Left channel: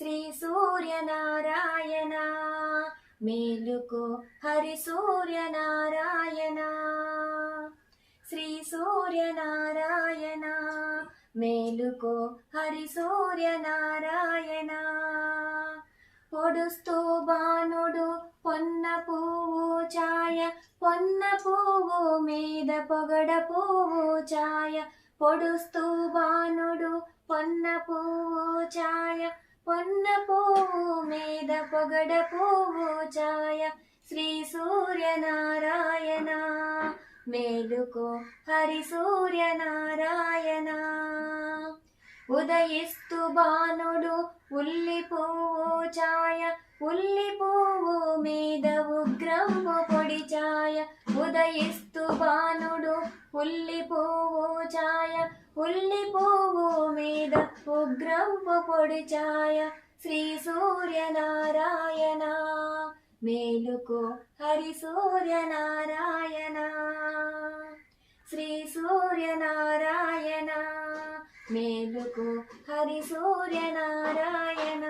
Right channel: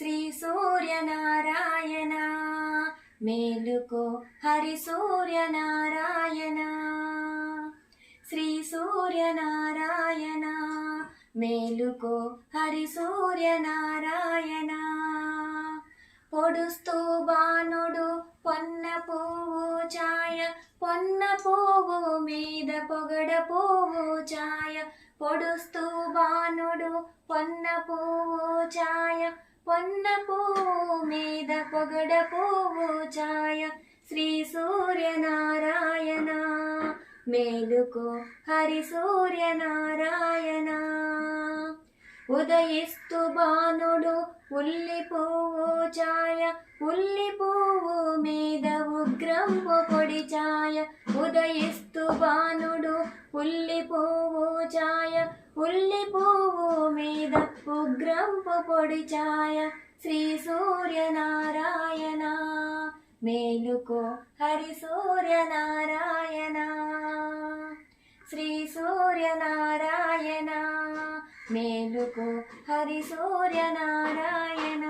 శ్రీ సూర్యనారాయణ మేలుకో హరి సూర్యనారాయణ శ్రీ సూర్యనారాయణ మేలుకో హరి సూర్యనారాయణ పొడుస్తూ బాణుడు పొన్న పువ్వు ఛాయ పొన్న పువ్వు మీద పొగడ పువ్వు ఛాయ పొడుస్తూ బాణుడు పొన్న పువ్వు ఛాయ పొన్న పువ్వు మీద పొగడ పువ్వు ఛాయ శ్రీ సూర్యనారాయణ మేలుకో హరి సూర్యనారాయణ ఉదయిస్తూ బాణుడు ఉల్లి పువ్వు ఛాయ ఉల్లి పువ్వు మీద ఉగ్రంపు పొడి ఛాయ ఉదయిస్తూ బాణుడు ఉల్లి పువ్వు ఛాయ ఉల్లి పువ్వు మీద ఉగ్రంపు పొడి ఛాయ శ్రీ సూర్యనారాయణ మేలుకో హరి సూర్యనారాయణ శ్రీ సూర్యనారాయణ మేలుకో హరి సూర్యనారాయణ।